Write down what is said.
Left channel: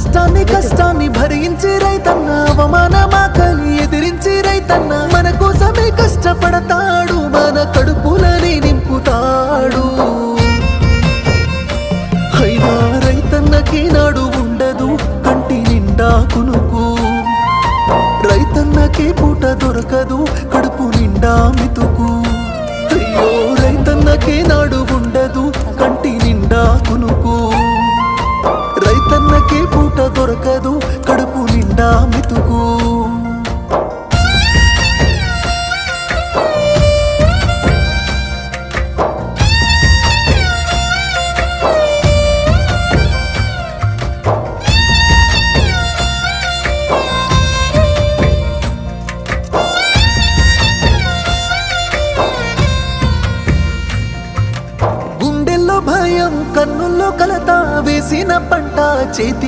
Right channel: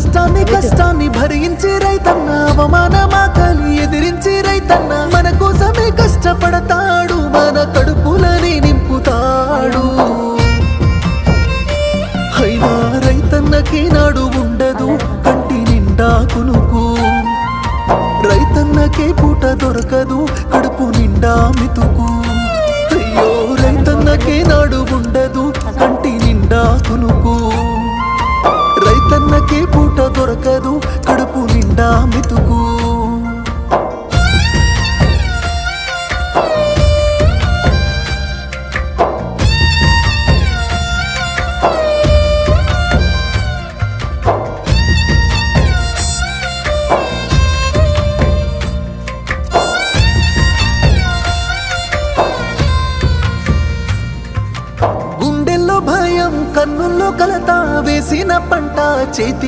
కష్టాన్ని భరించి రైతన్న అవమానమాకలి ఎదిరించి రైతన్న మన కోసమే కష్టపడతాడు మన కడుపులని నింపుతాడు అయినా రైతన్నకి నాడు ఉండదు కంటి నిండా కునుకు రైతన్నకే పూట దొరకదు కడుపు నిండా మితుకు అయ్యో రైతన్నకే నాడు ఉండదు కంటి నిండా కునుకు రైతన్నకే పూట దొరకదు కడుపు నిండా మితుకు గుండెల్లో భయం కన్నుల్లో కలత వేసిన పంట చేతి